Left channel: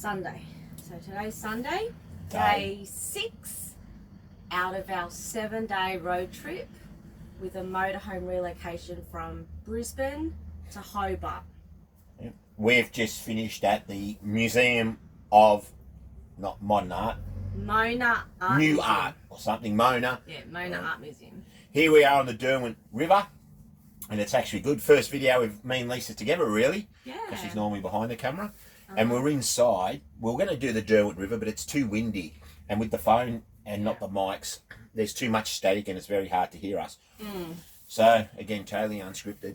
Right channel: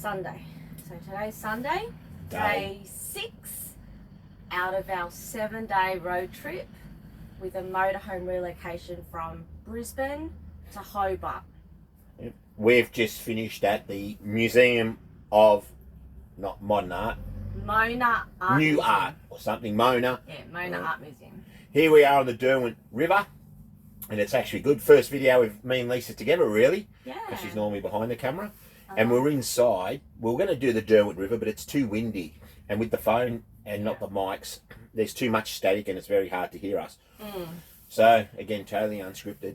Sunday. So today's Sunday, day 6 out of our 7-day road trip with a motorhome relocation from Brisbane to Hobart. Yep. We've just finished at the Museum of, not Modern Art, Mona Art New Museum. Art or something, Mona. Yeah, Mona Art Museum. Here we are on the Derwent River, and it's actually good. First video with me and Lisa together, really. Yeah. Because she's normally behind the camera. And we're inside. We're going to do the Derwent River, but it's too windy. And with the phone and not the mics, there's too much static and it's very hard to hear us. So, again, totally unscripted.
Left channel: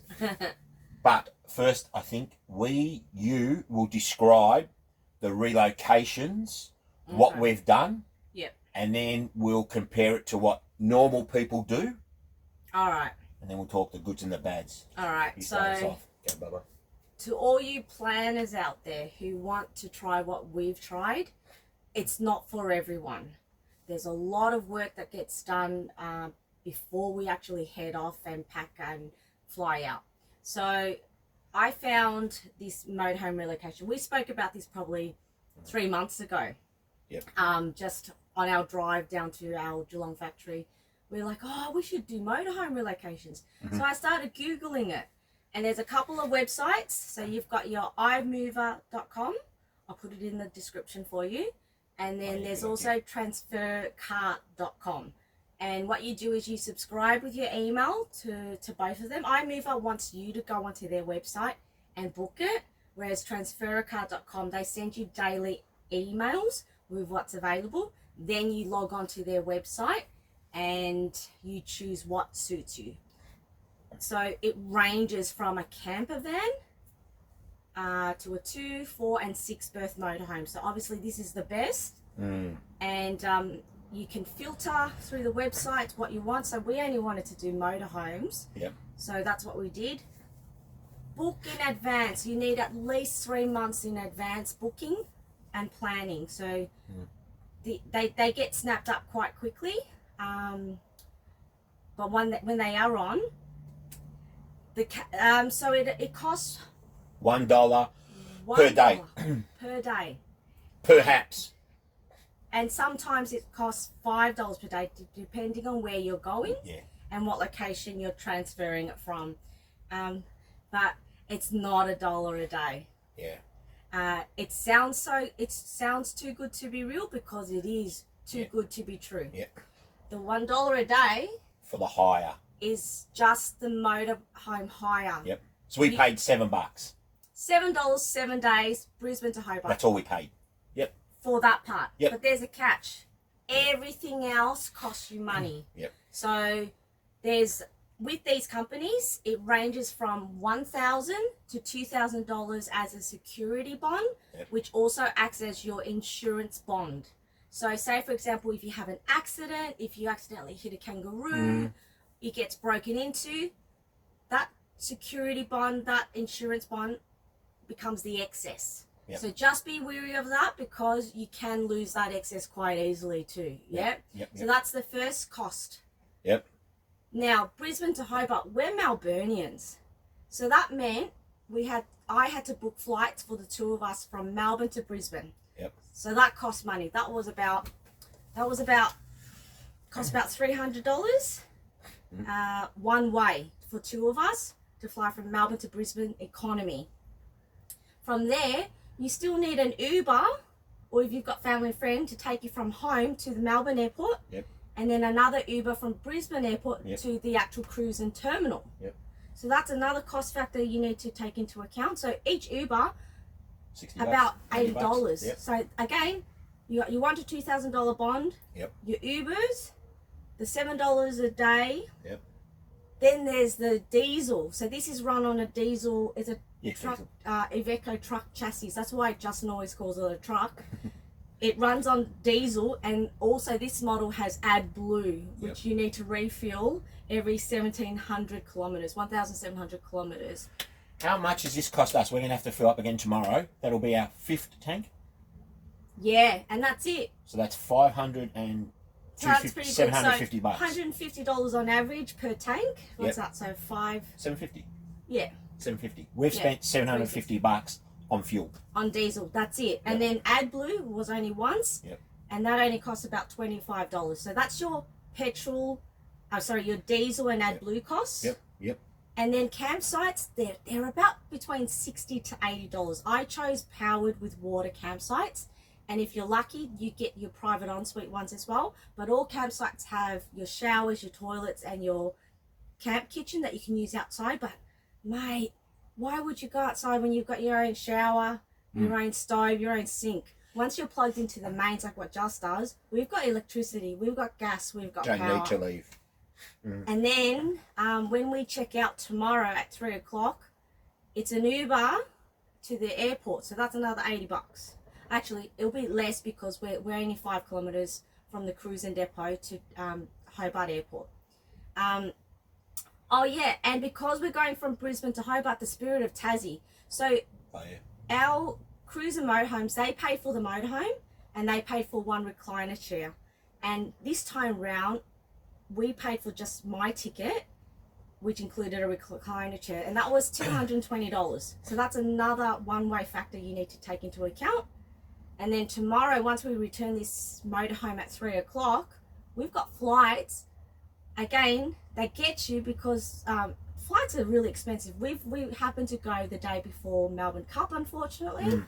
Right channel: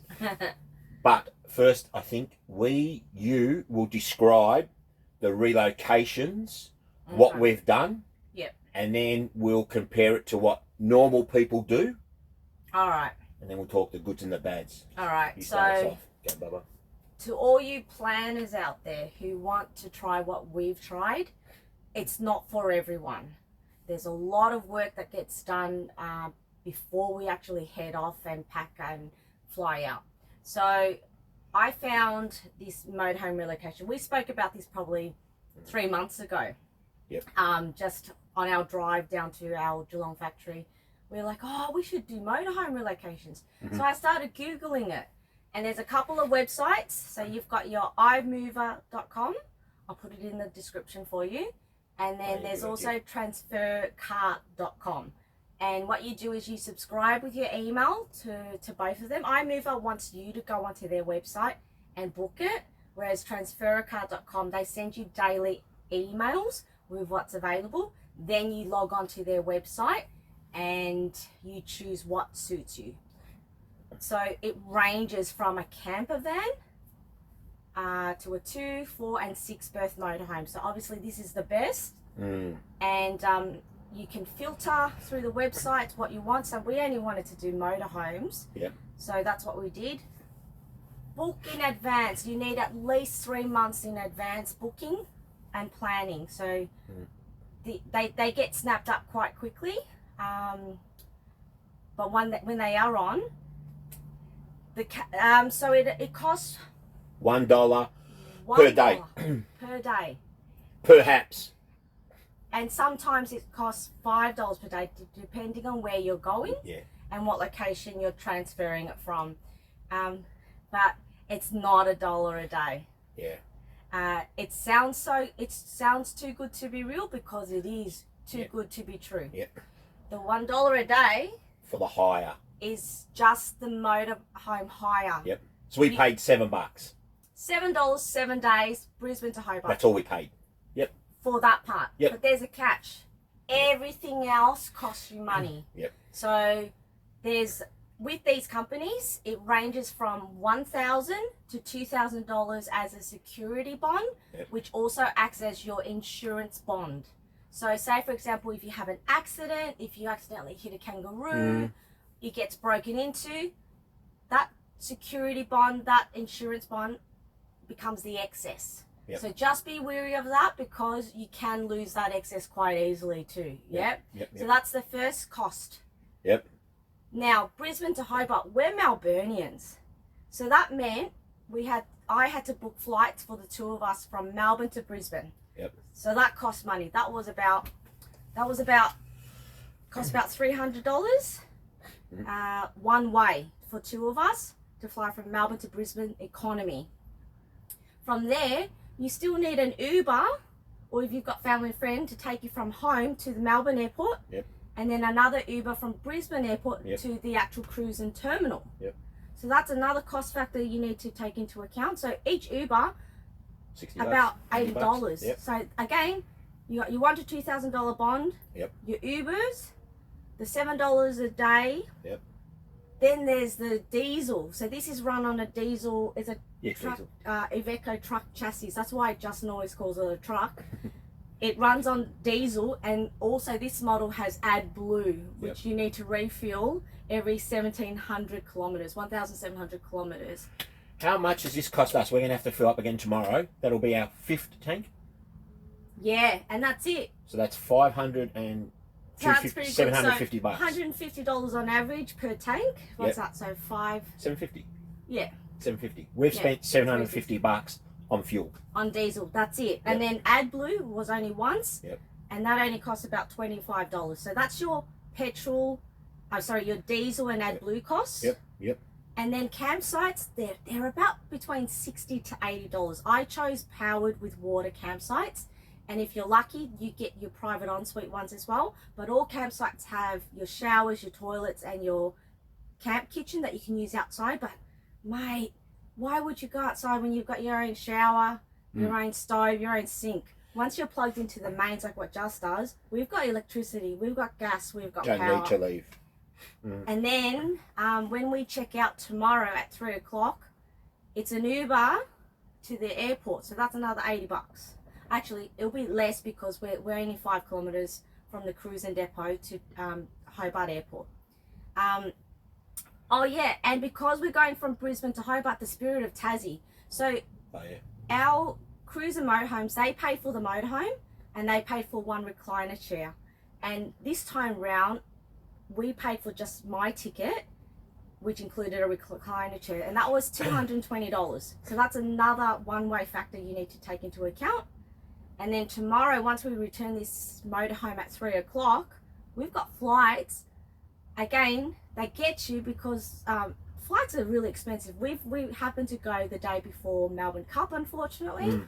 But first, I think you will describe the relocations, what we've done. Yep. And then we'll compare it to what normal people do. All right. And then we'll talk the goods and the bads. All right. You start us So, off. Go, Bubba. to all you planners out there who want to try what we've tried, it's not for everyone. There's a lot of work that gets done before we actually head off and pack and fly out. So I found this motorhome relocation. We spoke about this probably 3 months ago. Yep. Just on our drive down to our Geelong factory. We were like, oh, we should do motorhome relocations. So I started Googling it. And there's a couple of websites. So you've got your iMover.com. I'll put it in the description for you. And then there's also transfercart.com. And what you do is you subscribe with your email to both of them. iMover wants you to go onto their website and book it. Whereas transfercart.com, they send you daily emails with what's available. Then you log onto their website and you choose what suits you. So it ranges from a camper van to a 2, 4 and 6 berth motorhome. So obviously this is the best. And you can filter through the website what you want. So we only wanted to do motorhomes. Yep. So that's what we did. Book in advance. You need at least 3 months in advance booking and planning. So they get snapped up quite quickly. But when they are on, so it costs $1 per day. Per day. Perhaps. And sometimes it costs $5 per day, depending on where you're going and what location you're transferring it from. But it's not $1 a day. Yeah. It sounds too good to be real because it is too good to be true. Yep. The $1 a day For the hire. is just the motorhome hire. Yep. So we paid $7. $7, 7 days, Brisbane to Hobart. That's all we paid. Yep. For that part. Yep. But there's a catch. Everything else costs you money. Yep. So with these companies, it ranges from $1,000 to $2,000 as a security bond, which also acts as your insurance bond. So say, for example, if you have an accident, if you accidentally hit a kangaroo, it gets broken into, that security bond, that insurance bond becomes the excess. Yep. So just be wary of that because you can lose that excess quite easily too. Yep. So that's the first cost. Yep. Now, Brisbane to Hobart, we're Melburnians. So that meant I had to book flights for the two of us from Melbourne to Brisbane. Yep. So that cost money. Cost about $300 one way for two of us to fly from Melbourne to Brisbane economy. From there, you still need an Uber, or if you've got family and friend, to take you from home to the Melbourne airport. Yep. And then another Uber from Brisbane airport to the actual cruise and terminal. Yep. So that's another cost factor you need to take into account. So each Uber, $60, about $80. Yep. So again, you got your $1,000 to $2,000 bond. Yep. Your Ubers, the $7 a day. Yep. Then there's the diesel. So this is run on a diesel. It's a truck, Iveco truck chassis. That's why Justin always calls it a truck. It runs on diesel, and also this model has AdBlue, which you need to refill every 1,700 kilometers, 1,700 kilometers. How much does this cost us? We're going to have to fill up again tomorrow. That'll be our 5th tank. Yeah, and that's it. So that's $500 and $750. So $150 on average per tank. What's that? So $750. $750. Yeah. $750. We've spent $750 on fuel. On diesel, that's it. And then AdBlue was only once, and that only costs about $25. So that's your petrol, your diesel and AdBlue costs. Yep. And then campsites, they're about between $60 to $80. I chose powered with water campsites, and if you're lucky, you get your private ensuite ones as well. But all campsites have your showers, your toilets, and your camp kitchen that you can use outside. But mate, why would you go outside when you've got your own shower, your own stove, your own sink? Once you're plugged into the mains like what Just does, we've got electricity, we've got gas, we've got power. Don't need to leave. And then when we check out tomorrow at 3 o'clock, it's an Uber to the airport. So that's another $80. Actually, it'll be less because we're only 5 kilometres from the cruising depot to Hobart Airport. Oh yeah, and because we're going from Brisbane to Hobart, the Spirit of Tassie. So our cruiser motorhomes, they pay for the motorhome and they paid for one recliner chair. And this time round, we paid for just my ticket, which included a recliner chair, and that was $220. So that's another one-way factor you need to take into account. And then tomorrow, once we return this motorhome at 3 o'clock, we've got flights. Again, they get you because flights are really expensive. We happened to go the day before Melbourne Cup, unfortunately.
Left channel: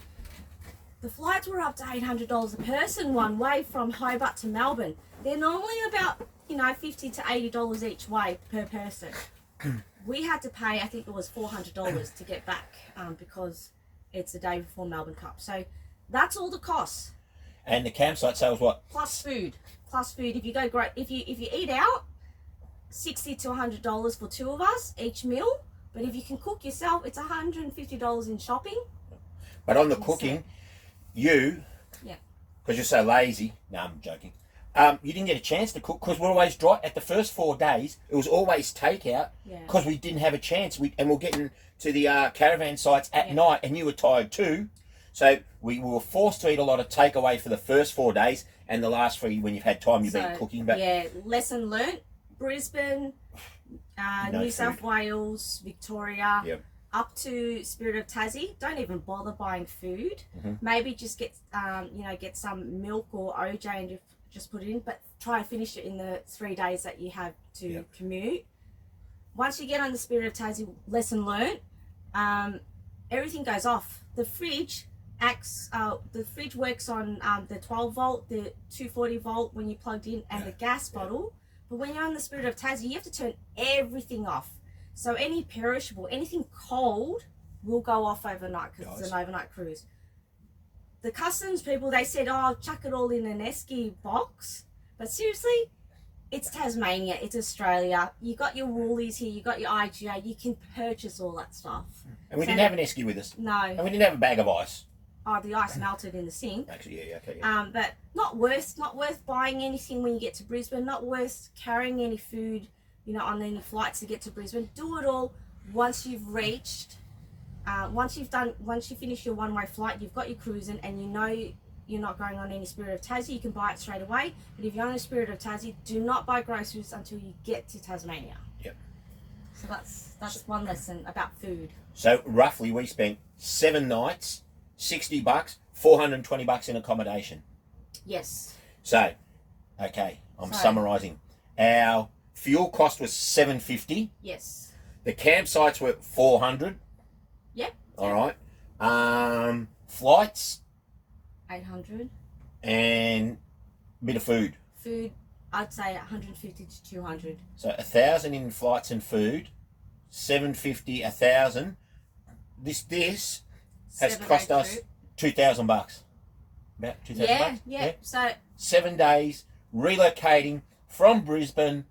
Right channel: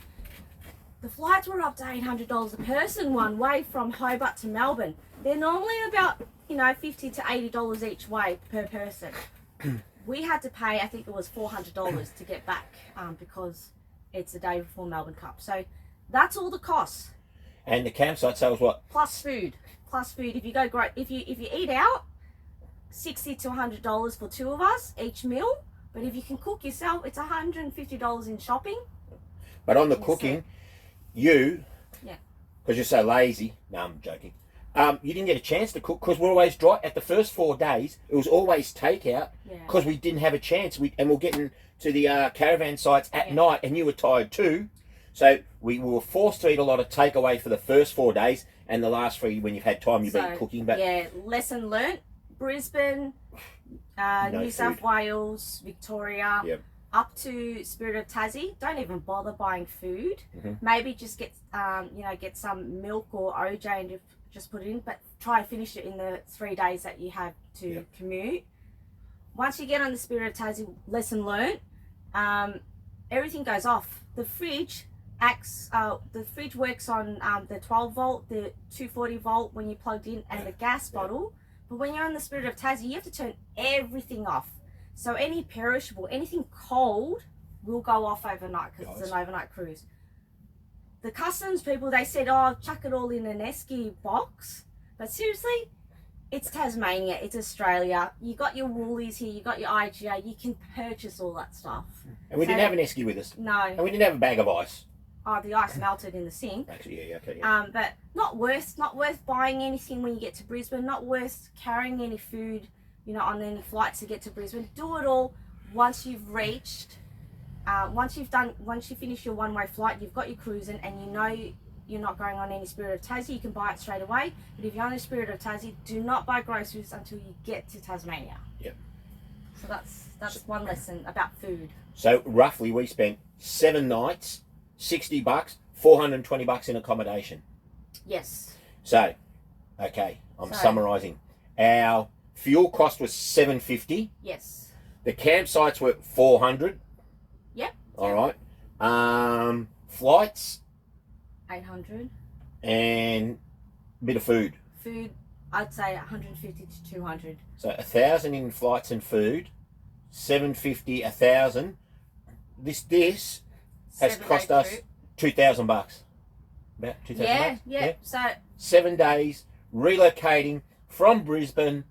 The flights were up to $800 a person one way from Hobart to Melbourne. They're normally about $50 to $80 each way per person. We had to pay, I think it was $400 to get back because it's the day before Melbourne Cup. So that's all the costs. And the campsite sales what? Plus food. If you go if you eat out, $60 to $100 for 2 of us each meal. But if you can cook yourself, it's $150 in shopping. But on the cooking, because you're so lazy. No, I'm joking. You didn't get a chance to cook because we're always dry. At the first 4 days, it was always takeout because we didn't have a chance. And we're getting to the caravan sites at night, and you were tired too. So we were forced to eat a lot of takeaway for the first 4 days, and the last 3, when you've had time, you've been cooking. But lesson learnt. Brisbane, New South Wales, Victoria, up to Spirit of Tassie, don't even bother buying food. Maybe just get some milk or OJ and just put it in, but try and finish it in the 3 days that you have to commute. Once you get on the Spirit of Tassie, lesson learnt, everything goes off. The fridge works on the 12 volt, the 240 volt when you plugged in, and the gas bottle. But when you're on the Spirit of Tassie, you have to turn everything off. So any perishable, anything cold will go off overnight because it's an overnight cruise. The customs people, they said, chuck it all in an esky box. But seriously, it's Tasmania, it's Australia. You got your Woolies here, you got your IGA, you can purchase all that stuff. And we didn't have an esky with us. No. And we didn't have a bag of ice. Oh, the ice melted in the sink. Actually, but not worth buying anything when you get to Brisbane. Not worth carrying any food, on any flights to get to Brisbane. Do it all once you've reached. Once you finish your one-way flight, you've got your cruising, and you're not going on any Spirit of Tassie. You can buy it straight away. But if you're on a Spirit of Tassie, do not buy groceries until you get to Tasmania. So that's one lesson about food. So roughly, we spent 7 nights. $60, $420 in accommodation. Yes. So, okay, I'm summarising. Our fuel cost was $750. Yes. The campsites were $400. Yep. All right. Flights. $800. And a bit of food. Food, I'd say $150 to $200. So $1,000 in flights and food. $750, $1,000. This has cost us $2,000. About $2,000. Yeah. So 7 days relocating from Brisbane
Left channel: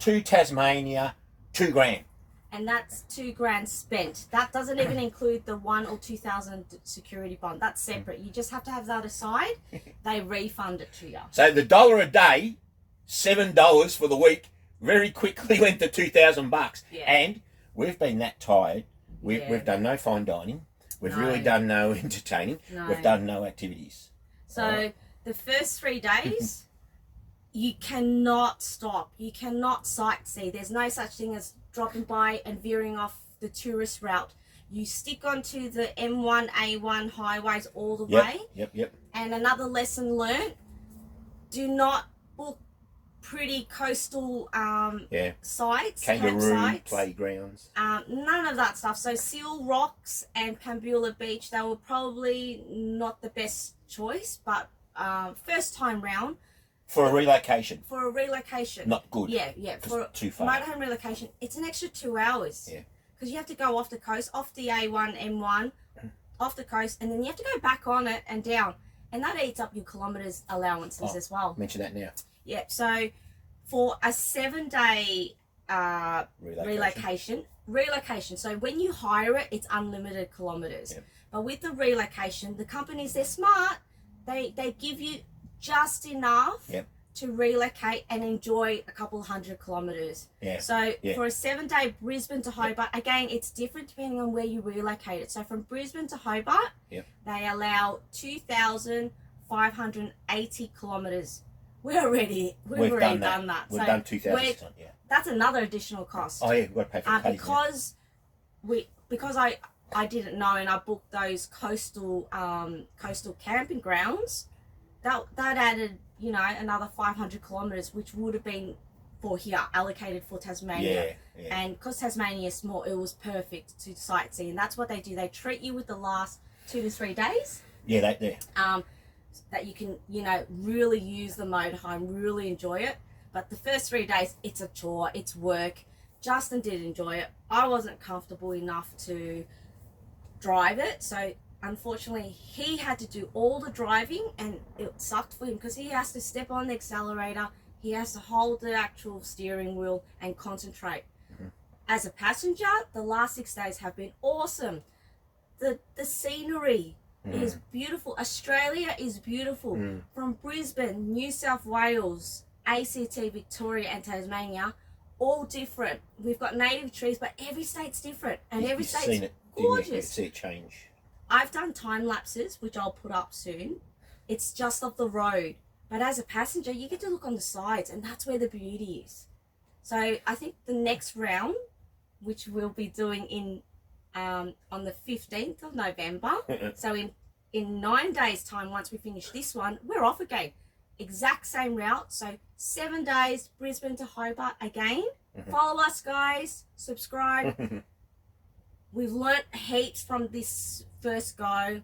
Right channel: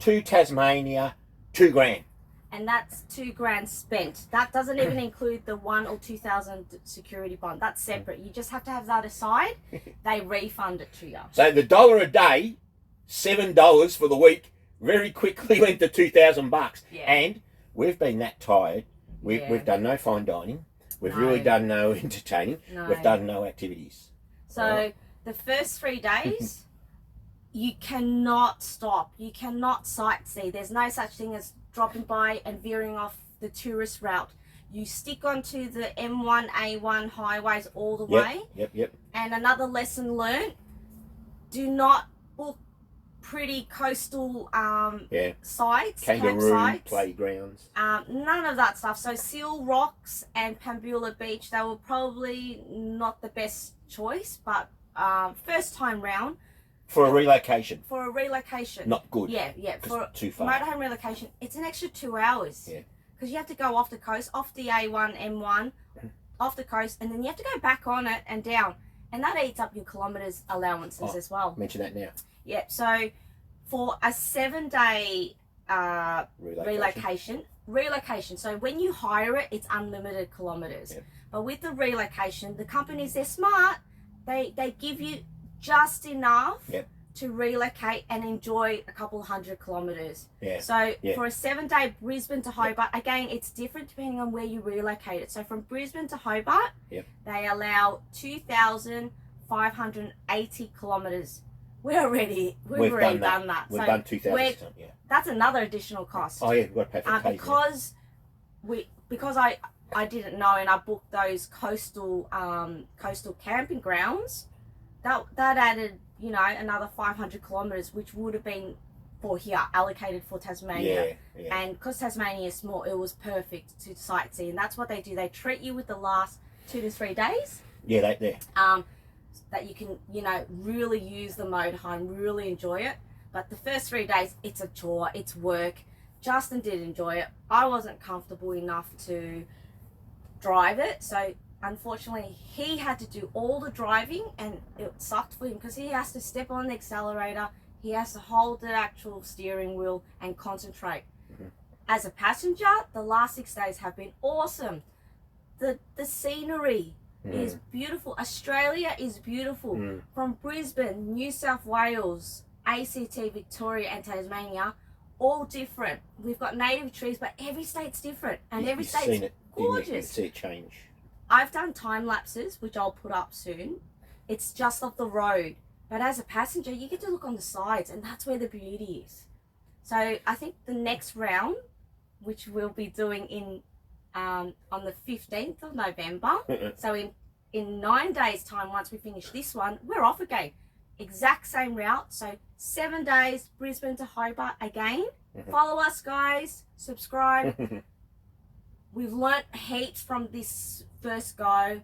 to Tasmania, $2,000. And that's $2,000 spent. That doesn't even include the $1,000 or $2,000 security bond. That's separate. You just have to have that aside. They refund it to you. So the $1 a day, $7 for the week, very quickly went to $2,000. And we've been that tired. We've done no fine dining. We've really done no entertaining. No. We've done no activities. So the first 3 days, you cannot stop. You cannot sightsee. There's no such thing as dropping by and veering off the tourist route. You stick onto the M1, A1 highways all the Yep, way. yep. And another lesson learned, do not book pretty coastal sites, Kangaroo campsites. playgrounds. None of that stuff. So Seal Rocks and Pambula Beach, they were probably not the best choice, but first time round. For a relocation. For a relocation. Not good. Yeah. For too far. motorhome relocation, it's an extra 2 hours. Yeah. Because you have to go off the coast, off the A1, M1, off the coast, and then you have to go back on it and down. And that eats up your kilometres allowances as well. Mention that now. Yep. So for a 7-day relocation. So when you hire it, it's unlimited kilometres. Yep. But with the relocation, the companies, they're smart. They give you just enough to relocate and enjoy a couple 100 kilometres. Yeah. So for a 7-day Brisbane to Hobart, again, it's different depending on where you relocate it. So from Brisbane to Hobart, they allow 2,580 kilometres. We've already done that. We've done 2,000. Yeah. That's another additional cost. Oh yeah, we've got to pay for because I didn't know, and I booked those coastal camping grounds. That added, another 500 kilometres, which would have been for here, allocated for Tasmania. Yeah. And because Tasmania is small, it was perfect to sightsee. And that's what they do. They treat you with the last 2 to 3 days. Yeah, they that you can, really use the motorhome, really enjoy it. But the first 3 days, it's a chore, it's work. Justin did enjoy it. I wasn't comfortable enough to drive it. So unfortunately, he had to do all the driving, and it sucked for him because he has to step on the accelerator, he has to hold the actual steering wheel and concentrate. As a passenger, the last 6 days have been awesome. The scenery is beautiful. Australia is beautiful. From Brisbane, New South Wales, ACT, Victoria and Tasmania, all different. We've got native trees, but every state's different, and every state's gorgeous. You see it change. I've done time lapses, which I'll put up soon. It's just off the road. But as a passenger, you get to look on the sides, and that's where the beauty is. So I think the next round, which we'll be doing on the 15th of November, so in 9 days' time, once we finish this one, we're off again. Exact same route. So 7 days, Brisbane to Hobart again. Follow us, guys. Subscribe. We've learnt heaps from this first go.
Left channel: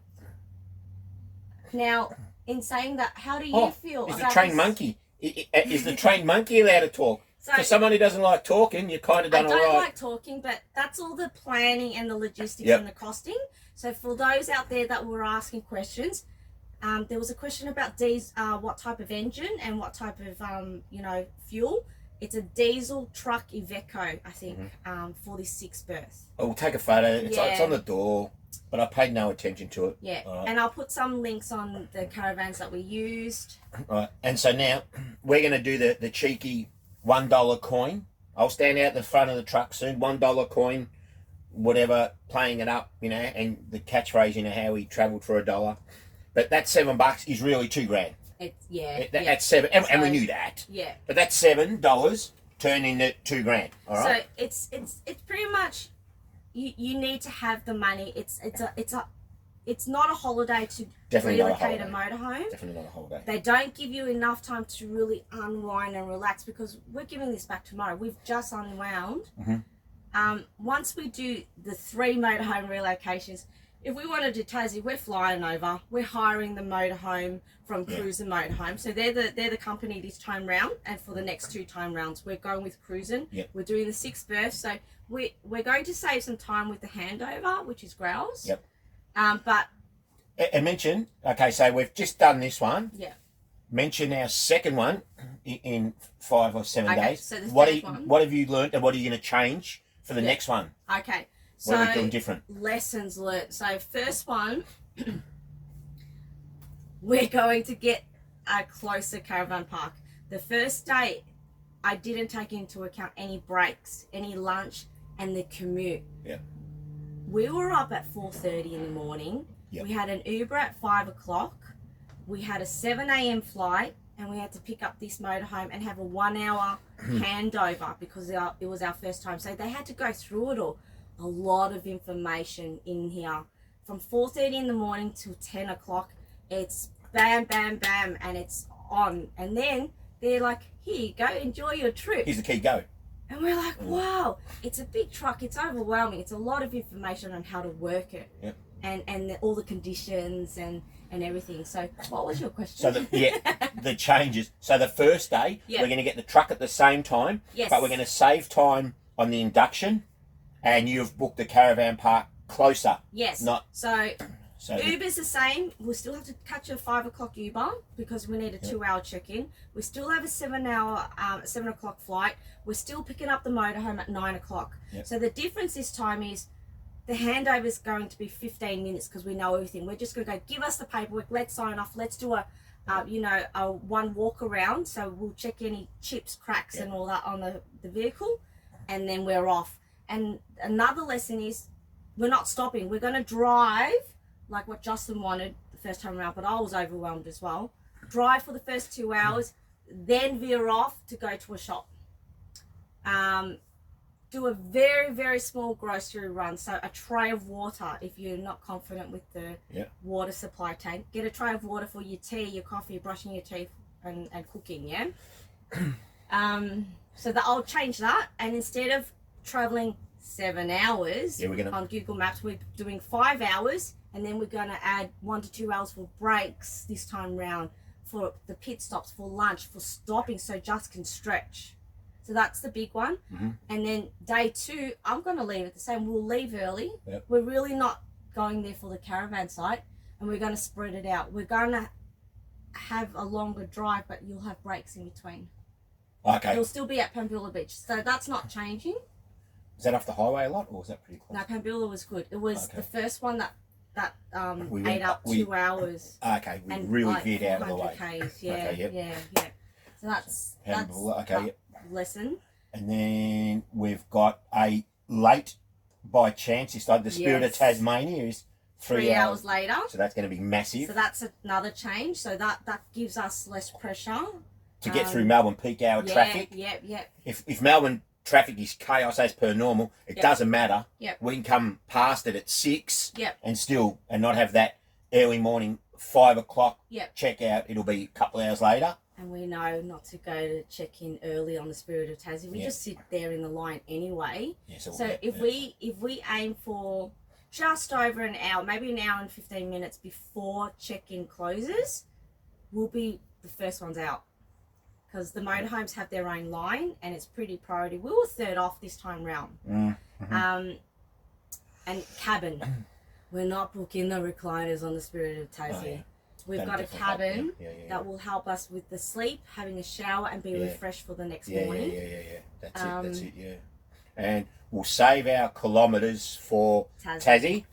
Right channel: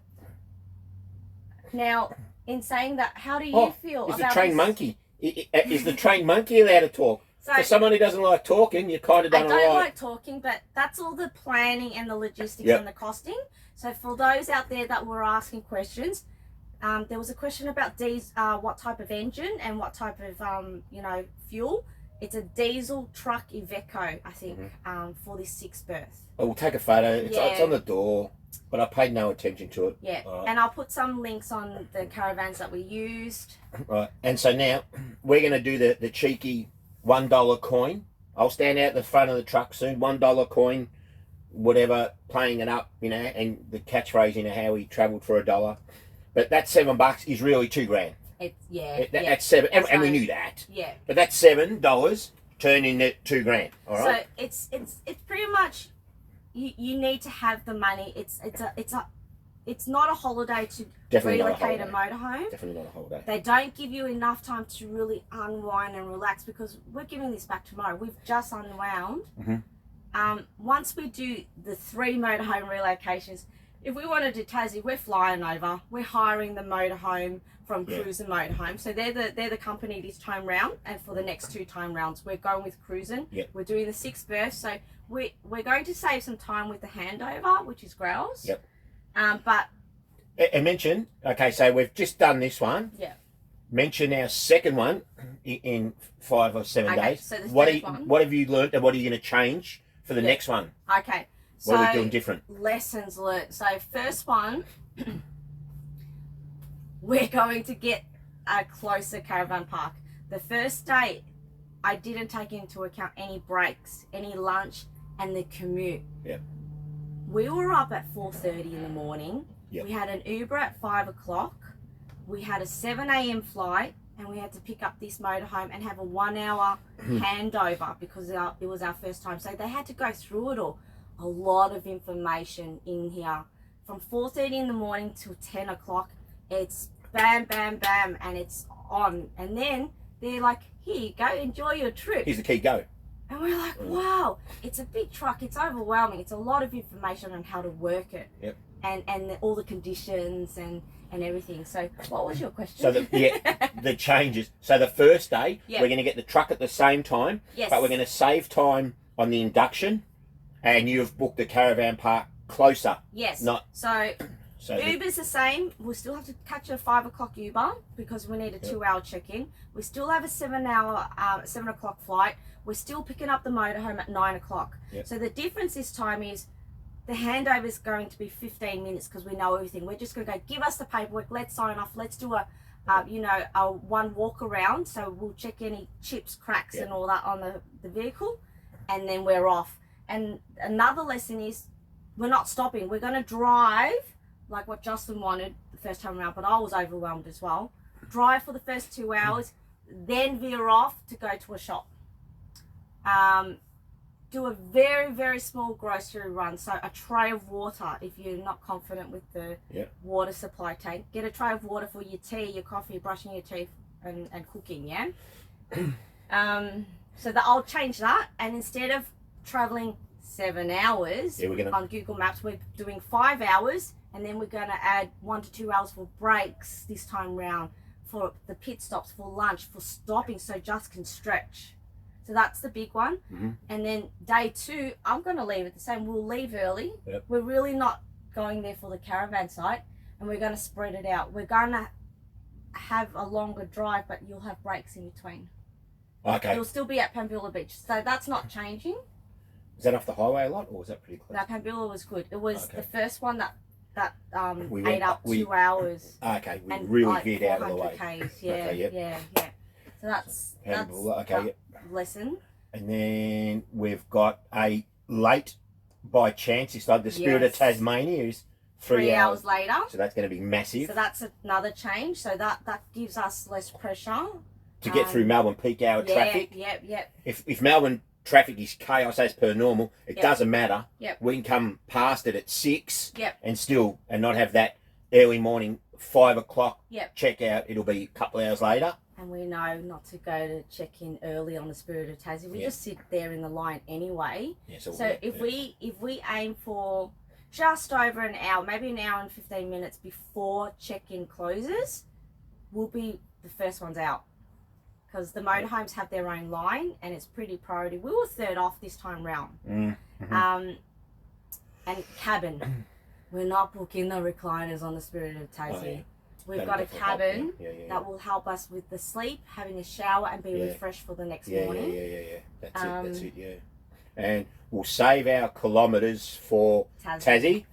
Now, in saying that, how do you feel is about the trained this? monkey? Is the trained monkey allowed to talk? So, for someone who doesn't like talking, you kind of done all right. I don't like talking, but that's all the planning and the logistics and the costing. So for those out there that were asking questions, there was a question about what type of engine and what type of fuel. It's a diesel truck Iveco, I think, for this 6 berth. Oh, we'll take a photo. It's on the door, but I paid no attention to it. Yeah, and I'll put some links on the caravans that we used. Right, and so now we're going to do the cheeky $1 coin. I'll stand out the front of the truck soon. $1 coin, whatever, playing it up, and the catchphrase, how he travelled for $1. But that $7 is really $2,000. That's $7, and we knew that. Yeah. But that $7 turned into $2,000. All right. So it's pretty much you need to have the money. It's not a holiday to relocate a motorhome. Definitely not a holiday. They don't give you enough time to really unwind and relax because we're giving this back tomorrow. We've just unwound. Once we do the 3 motorhome relocations, if we want to do Tassie, we're flying over. We're hiring the motorhome from Cruisin' Motorhome. So they're the company this time round, and for the next 2 time rounds, we're going with Cruisin'. We're doing the 6 berth, so we're going to save some time with the handover, which is Growls. But and mention, okay, so we've just done this one. Mention our second one in 5 or 7 days. So what have you learnt, and what are you going to change for the next one? Okay. So what are we doing different? Lessons learnt. So first one, we're going to get a closer caravan park. The first day, I didn't take into account any breaks, any lunch, and the commute. We were up at 4:30 in the morning. We had an Uber at 5 o'clock. We had a 7 a.m. flight, and we had to pick up this motorhome and have a 1 hour handover because it was our first time. So they had to go through it all. a lot of information in here. From 4:30 in the morning till 10 o'clock, it's bam, bam, bam, and it's on. And then they're like, here you go, enjoy your trip. Here's the key, go. And we're like, wow, it's a big truck. It's overwhelming. It's a lot of information on how to work it. Yep. And all the conditions and everything. So what was your question? So the changes. So the first day, Yep. we're going to get the truck at the same time, Yes. but we're going to save time on the induction, and you've booked the caravan park closer. Yes. Not So so. Uber's the same. We'll still have to catch a 5 o'clock Uber because we need a 2-hour check-in. We still have a 7 o'clock flight. We're still picking up the motorhome at 9 o'clock. Yep. So the difference this time is the handover is going to be 15 minutes because we know everything. We're just going to go, give us the paperwork, let's sign off, let's do a one walk around. So we'll check any chips, cracks and all that on the vehicle, and then we're off. And another lesson is we're not stopping. We're going to drive like what Justin wanted the first time around, but I was overwhelmed as well. Drive for the first 2 hours, then veer off to go to a shop. Do a very, very small grocery run. So a tray of water, if you're not confident with the water supply tank, get a tray of water for your tea, your coffee, brushing your teeth and cooking, yeah? So I'll change that, and instead of traveling 7 hours on Google Maps, we're doing 5 hours, and then we're going to add 1 to 2 hours for breaks this time round, for the pit stops, for lunch, for stopping so Just can stretch. So that's the big one. And then day 2, I'm going to leave it the same. We'll leave early. We're really not going there for the caravan site, and we're going to spread it out. We're going to have a longer drive, but you'll have breaks in between. Okay. You'll still be at Pambula Beach, so that's not changing. Is that off the highway a lot, or was that pretty close? No, Pambula was good. It was the first one that we ate up 2 hours. Okay, we and really like veered out of the way. Ks, Okay, yeah. So that's Pambula, okay, lesson. And then we've got a late by chance. It's like the Spirit of Tasmania is 3 hours later. So that's going to be massive. So that's another change. So that gives us less pressure to get through Melbourne peak hour traffic. Yep. If Melbourne traffic is chaos as per normal, it doesn't matter. We can come past it at 6 and not have that early morning 5 o'clock check out. It'll be a couple of hours later. And we know not to go to check in early on the Spirit of Tassie. We just sit there in the line anyway. So if we aim for just over an hour, maybe an hour and 15 minutes before check-in closes, we'll be the first ones out. Because the motorhomes have their own line, and it's pretty priority. We were third off this time round. And cabin. We're not booking the recliners on the Spirit of Tassie. We've got a cabin that will help us with the sleep, having a shower, and be refreshed for the next morning. That's it. And we'll save our kilometres for Tassie.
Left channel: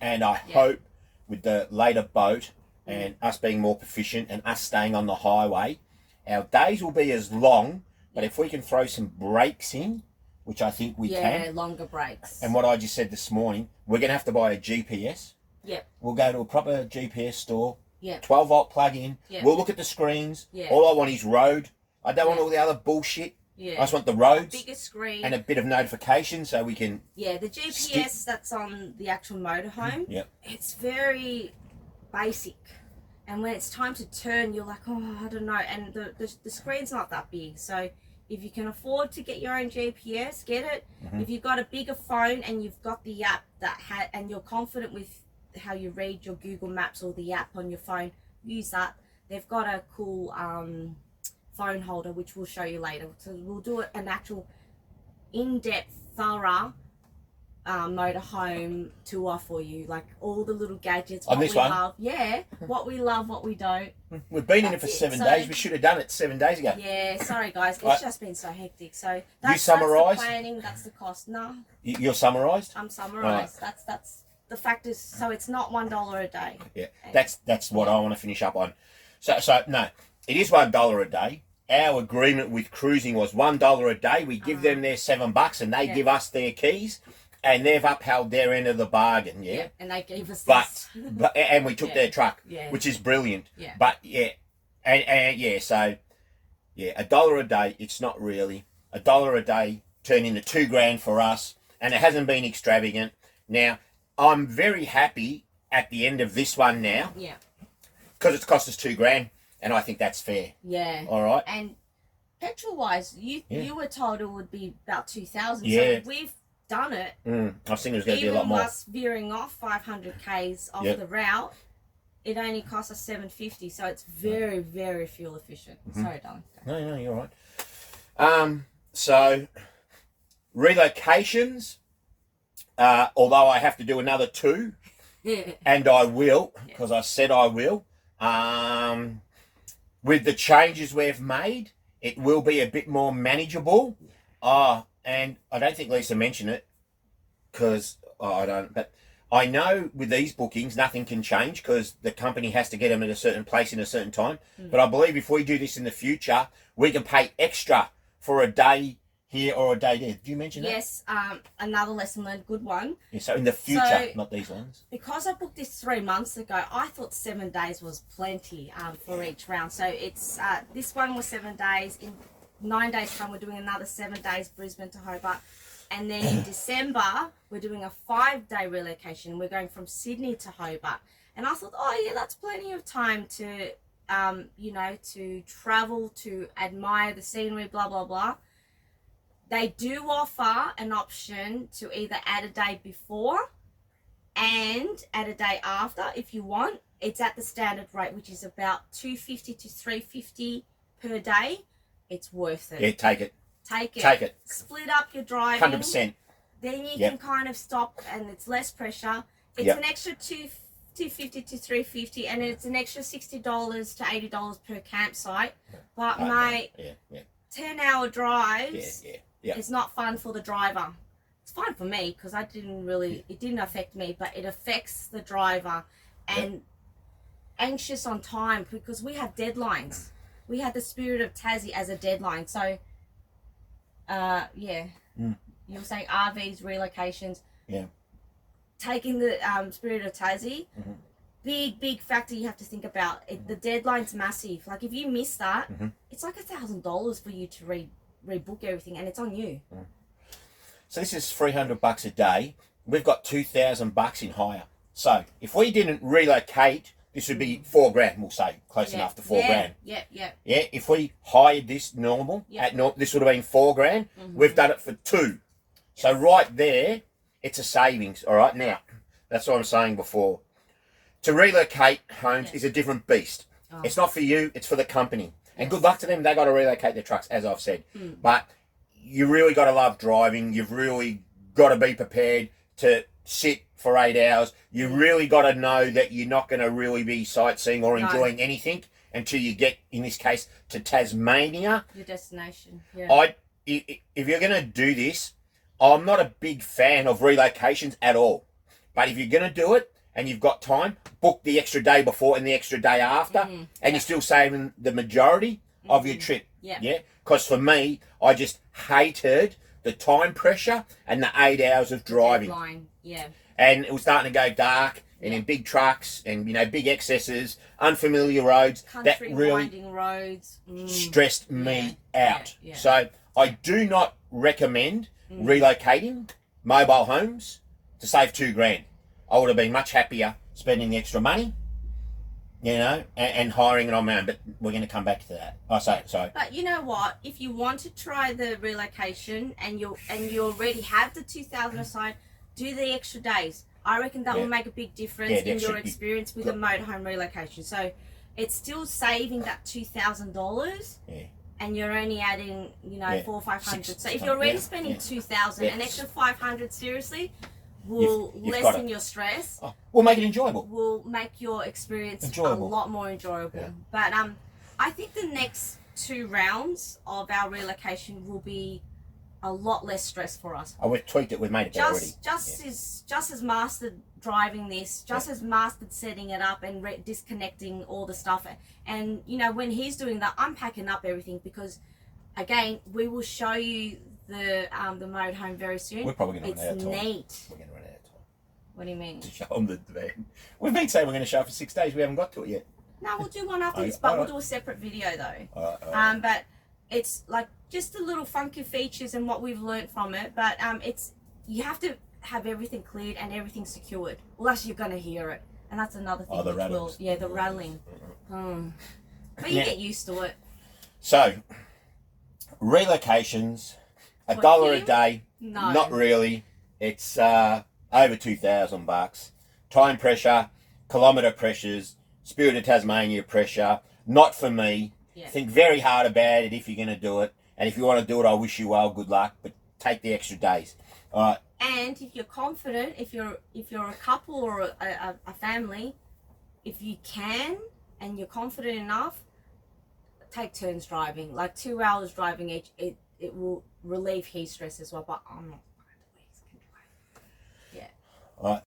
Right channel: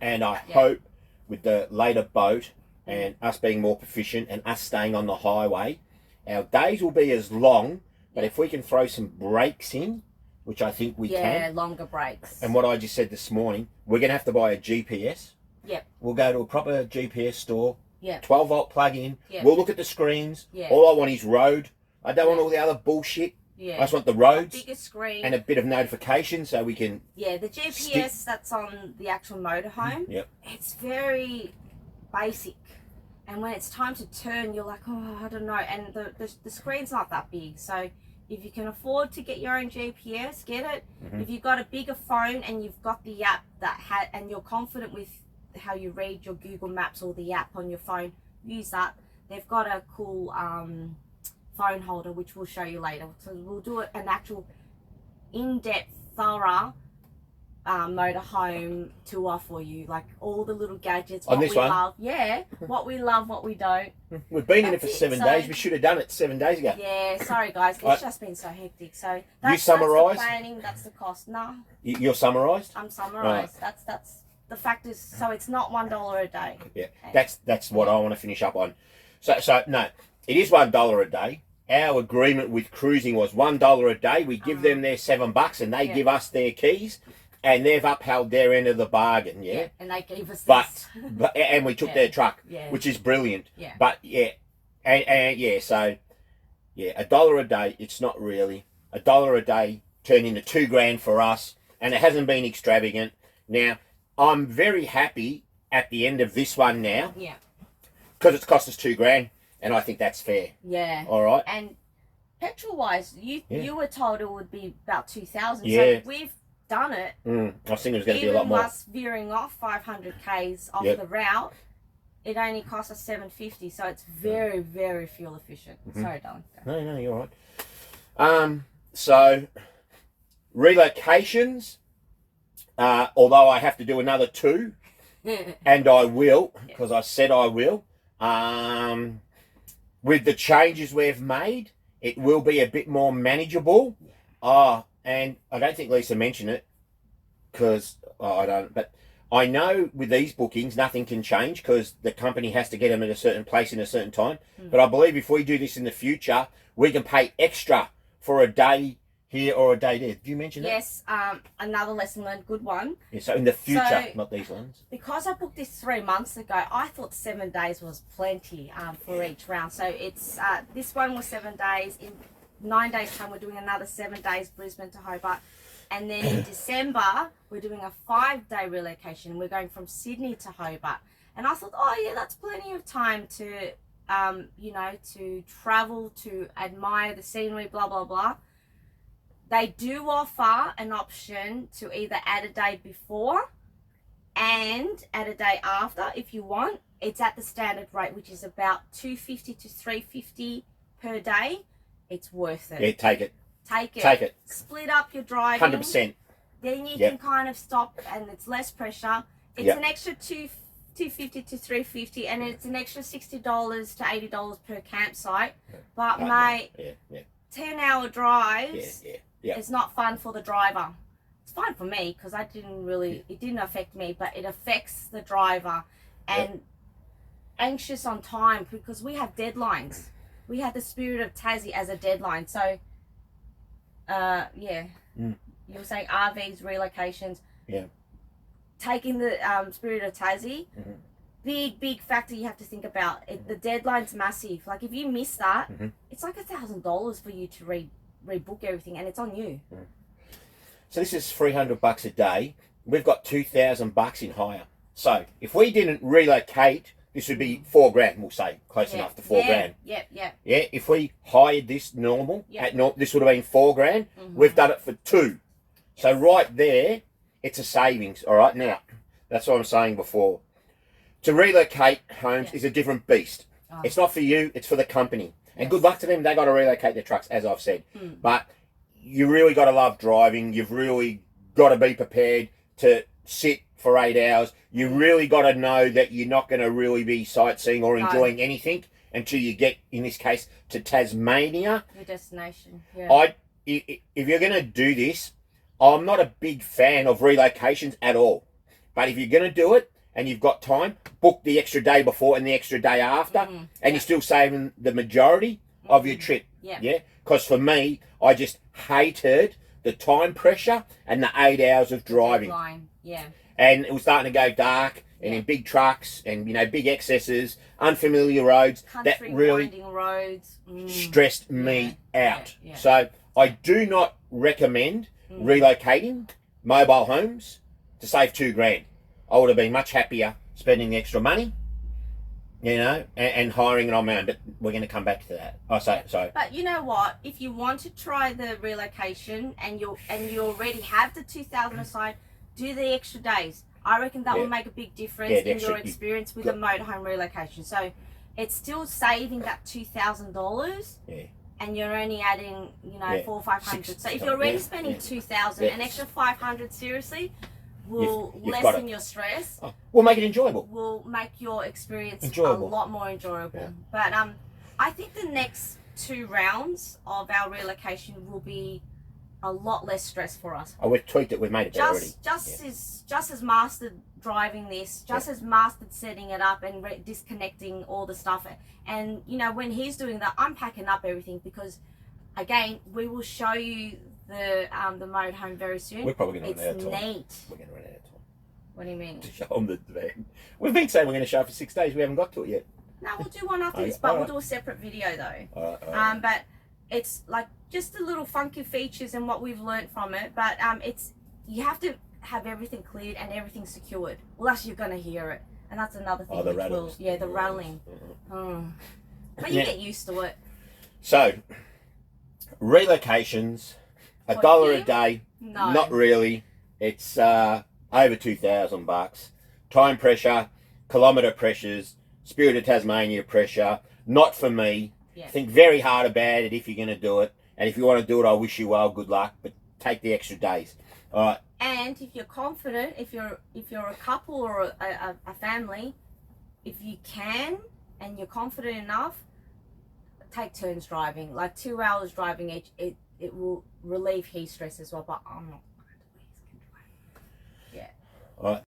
And I hope with the later boat and us being more proficient and us staying on the highway, our days will be as long, but if we can throw some breaks in, which I think we can. Yeah, longer breaks. And what I just said this morning, we're going to have to buy a GPS. We'll go to a proper GPS store. 12-volt plug-in. We'll look at the screens. All I want is road. I don't want all the other bullshit. I just want the roads. A bigger screen. And a bit of notification so we can... Yeah, the GPS that's on the actual motorhome, it's very basic. And when it's time to turn, you're like, oh, I don't know. And the screen's not that big. So if you can afford to get your own GPS, get it. If you've got a bigger phone and you've got the app and you're confident with how you read your Google Maps or the app on your phone, use that. They've got a cool phone holder, which we'll show you later. So we'll do an actual in-depth, thorough motorhome tour for you, like all the little gadgets, on this one. Love. What we love, what we don't. We've been in it for 7 days. We should have done it 7 days ago. Sorry guys, it's just been so hectic. So that's, you summarised? That's the planning, that's the cost. No, you're summarised? I'm summarised. That's the fact is, so it's not $1 a day. That's what I want to finish up on. So no, it is $1 a day. Our agreement with cruising was $1 a day. We give them their $7 and they give us their keys, and they've upheld their end of the bargain. And they gave us but and we took their truck, which is brilliant. But so $1 a day. It's not really $1 a day. Turned into $2,000 for us. and it hasn't been extravagant. Now, I'm very happy at the end of this one now. Yeah. Because it's cost us $2,000, and I think that's fair. Yeah. All right. And petrol wise, you were told it would be about 2,000. Yeah. So we've done it. I was thinking it was going to be a lot more. Even us veering off 500 k's off the route, it only cost us $7.50. So it's very, very fuel efficient. Sorry, darling. No, you're all right. So relocations, although I have to do another 2, and I will, because I said I will. With the changes we've made, it will be a bit more manageable. And I don't think Lisa mentioned it, because I don't, but I know with these bookings, nothing can change because the company has to get them at a certain place in a certain time. But I believe if we do this in the future, we can pay extra for a day here or a day there. Did you mention that? Yes, another lesson learned, good one. Yeah, so in the future, not these ones. Because I booked this 3 months ago, I thought 7 days was plenty for each round. So it's this one was 7 days. In 9 days' time, we're doing another 7 days, Brisbane to Hobart. And then in December, we're doing a 5-day relocation. We're going from Sydney to Hobart. And I thought, oh yeah, that's plenty of time to, to travel, to admire the scenery, blah, blah, blah. They do offer an option to either add a day before and add a day after if you want. It's at the standard rate, which is about $250 to $350 per day. It's worth it. Yeah, take it. Take it. Split up your driving. 100%. Then you can kind of stop, and it's less pressure. It's an extra $250 to $350, and it's an extra $60 to $80 per campsite. But mate, 10-hour drives. It's not fun for the driver. It's fine for me because it didn't affect me, but it affects the driver and anxious on time because we have deadlines. We had the Spirit of Tassie as a deadline. So, you were saying RVs, relocations. Yeah. Taking the Spirit of Tassie, big factor you have to think about. The deadline's massive. Like if you miss that, it's like $1,000 for you to rebook everything, and it's on you. So this is $300 a day. We've got $2,000 in hire. So if we didn't relocate, this would be $4,000. We'll say close enough to $4,000. Yeah. If we hired this normal this would have been $4,000. We've done it for 2. So right there, it's a savings. All right, now that's what I'm saying before. To relocate homes is a different beast. It's not for you. It's for the company. And good luck to them. They got to relocate their trucks, as I've said. But you really got to love driving. You've really got to be prepared to sit for 8 hours. You really got to know that you're not going to really be sightseeing or enjoying anything until you get, in this case, to Tasmania. Your destination. If you're going to do this, I'm not a big fan of relocations at all. But if you're going to do it, and you've got time, book the extra day before and the extra day after, and you're still saving the majority of your trip. Yeah. Because for me, I just hated the time pressure and the 8 hours of driving. Deadline. Yeah. And it was starting to go dark, and in big trucks, and big excesses, unfamiliar roads. That really winding roads. stressed me out. So I do not recommend relocating mobile homes to save $2,000. I would have been much happier spending the extra money, and hiring it on my own. But we're going to come back to that. But you know what? If you want to try the relocation and you already have the 2,000 aside, do the extra days. I reckon that will make a big difference in your experience with a motorhome relocation. So it's still saving that $2,000. Yeah. And you're only adding, $400 or $500. So if you're already spending $2,000, an extra $500, seriously, will lessen your stress. We'll make it enjoyable. Will make your experience a lot more enjoyable. Yeah. But I think the next 2 rounds of our relocation will be a lot less stress for us. We've tweaked it. We've made it better already. Just as mastered driving this, just as mastered setting it up and disconnecting all the stuff. And when he's doing that, I'm packing up everything because, again, we will show you the motorhome very soon. We're probably going to run out of time. It's neat. We're going to run out of time. What do you mean? To show them the van. We've been saying we're going to show it for 6 days. We haven't got to it yet. No, we'll do one after this, but we'll do a separate video though. All right. But it's like just the little funky features and what we've learnt from it. But you have to have everything cleared and everything secured, or else you're gonna hear it, and that's another thing. Oh, the which will, rattles. yeah, the rattling. But you get used to it. So, relocations, For $1 a you? day. No. Not really. It's over $2,000. Time pressure, kilometre pressures, Spirit of Tasmania pressure. Not for me. Yeah. Think very hard about it if you're going to do it. And if you want to do it, I wish you well. Good luck. But take the extra days. All right. And if you're confident, if you're a couple or a family, if you can and you're confident enough, take turns driving. Like 2 hours driving each, it will relieve heat stress as well. But I'm not. Yeah. All right.